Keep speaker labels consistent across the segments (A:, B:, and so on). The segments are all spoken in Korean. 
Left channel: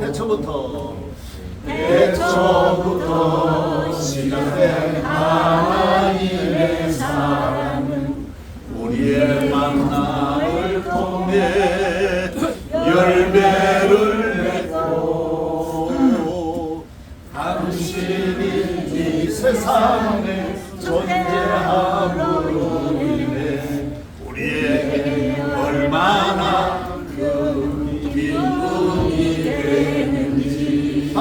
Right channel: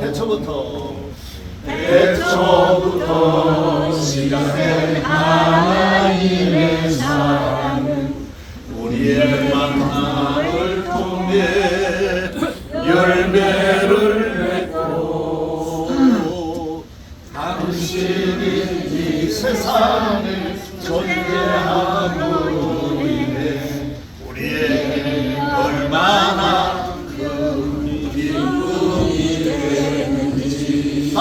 A: 태초부터
B: 태초부터 시작된 하나님의 사랑은
A: 우리의 만남을 통해 열매를 맺고 당신이 이 세상에 존재함으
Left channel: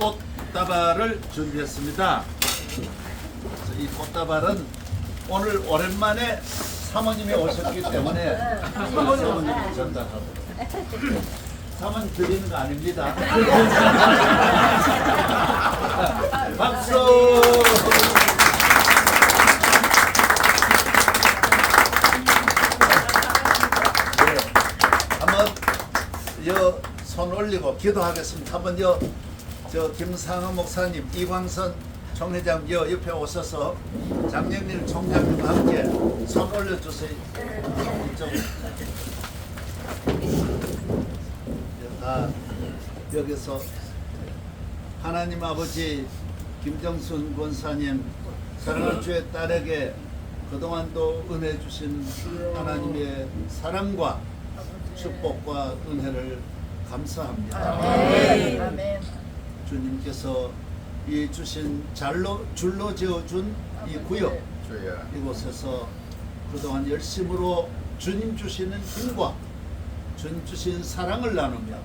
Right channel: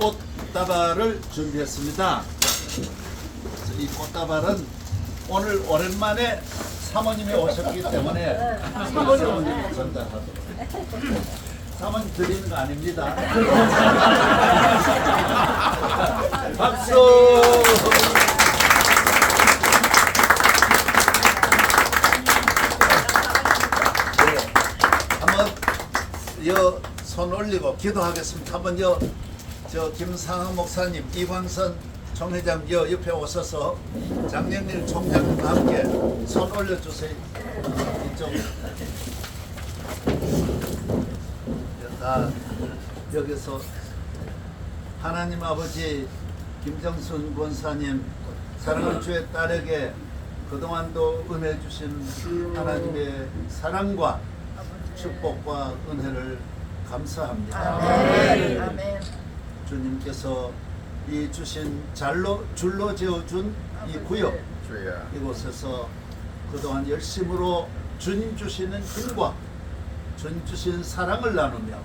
A: 꽃다발을 준비했습니다. 이 꽃다발은 오늘 오랜만에 사모님이 오셨기 때문에 사모님 전달하도록 사모님 드리는 거 아닙니다. 박수! 네, 여손 올리고 기도하겠습니다. 한번 여 저 김상하 목사님, 이광선 총회장 여 옆에 오셔서 장영일 총장님과 함께 손 올려주세요. 이쪽 다 여기서 하나님 아버지 김정순 권사님 사랑하는 주의 딸에게 그동안도 은혜 주신 하나님의 사랑과 축복과 은혜를 감사합니다.
B: 아멘. 아멘.
A: 주님께서 이 주신 잘로 줄로 지어준 이 구역
C: 주야.
A: 이곳에서 그동안 열심으로 주님 주시는 힘과 주님 주신 사랑을 나누며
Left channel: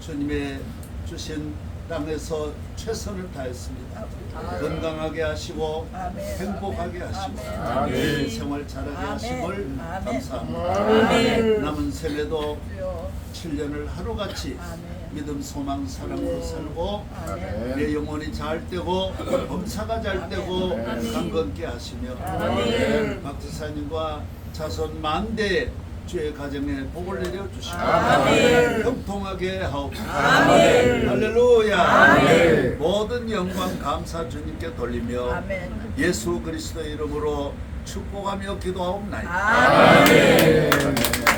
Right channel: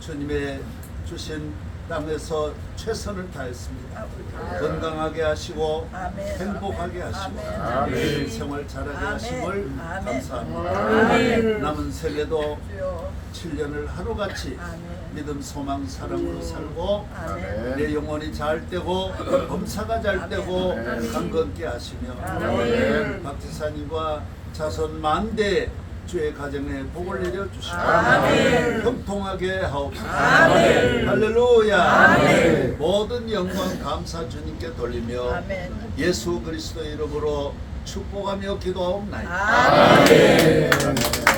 A: 주님의 주신 땅에서 최선을 다했습니다. 건강하게 하시고
B: 아멘.
A: 행복하게
B: 아멘.
A: 하시고
B: 아멘.
A: 생활 잘하게
B: 아멘.
A: 하심을
B: 아멘.
A: 감사합니다.
B: 아멘.
A: 남은
B: 주여.
A: 7년을 하루같이
B: 아멘.
A: 믿음, 소망, 사랑으로 살고
B: 아멘.
A: 내 영혼이 잘 되고 범사가 잘 되고
B: 아멘.
A: 강건케 하시며
B: 아멘.
A: 박지사님과 자손 만대 주의 가정에 복을 내려 주시고
B: 아멘.
A: 형통하게 하옵소서
B: 아멘.
A: 할렐루야
B: 아멘.
A: 모든 영광 감사 주님께 돌리며
B: 아멘.
A: 예수 그리스도의 이름으로 축복하며 기도하옵나이다
B: 아멘.
A: 식당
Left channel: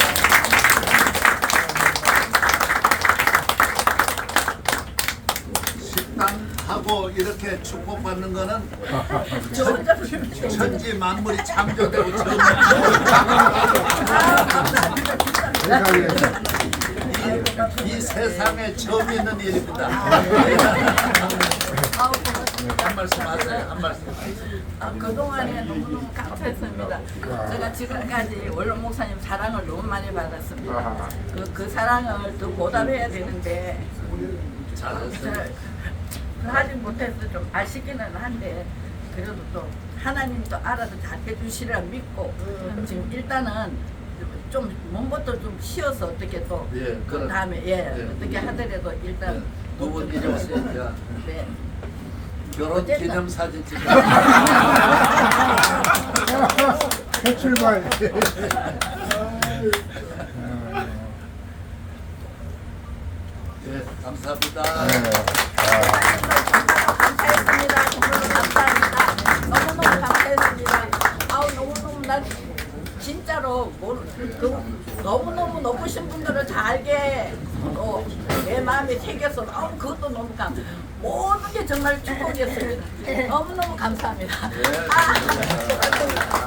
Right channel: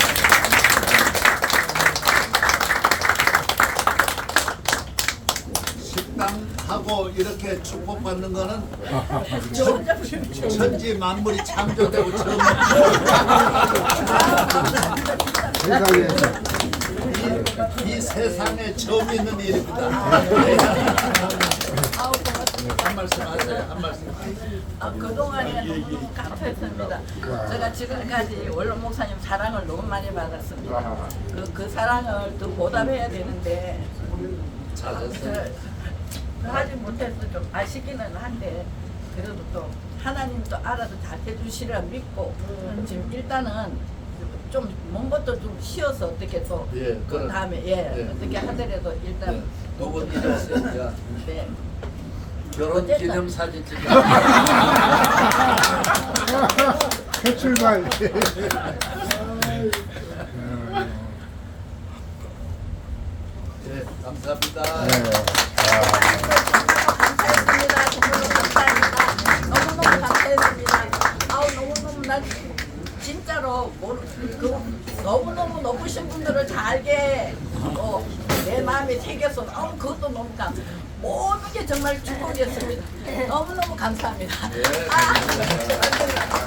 A: 하고 이렇게 축복받는 거는 천, 천지 만물이 창조되고 처음 이, 이 세상에 처음 있는 일입니다.
B: 고맙습니다.
A: 한 말씀 하세요. 한 말씀.
B: 아, 그동안에 너무너무 감사했습니다. 제가 지금까지 원로 목사님 사랑을 너무 많이 받았습니다. 그, 그 사랑을 더 보답해야 되는데
A: 잘하세요.
B: 그 하지 못해서 좀 아쉽기는 한데 그래도 또 하나님도 알아서 잘 해주시리라 믿고 지금 일단은 좀 먼 것도 좀 쉬어서 어떻게 또
A: 예,
B: 그 다음에 예,
A: 예.
B: 어떻게 하더라도 일단
A: 두분 이제 오세요. 야,
B: 네.
A: 결혼 기념 사진 찍어.
C: 출발.
A: 네, 감사합니다.
B: 감사했습니다. 정말로 감사합니다. 너무너무 감사했습니다. 아우 너무너무 나 진짜로 모르, 그, 너무너무 높으신 분들을 다 알게 어, 내 마음에 새겨서 너무 그것도 너무 감 모든 게 정말 축복이었습니다. 너무너무 감사합니다.
A: 예,
B: 아,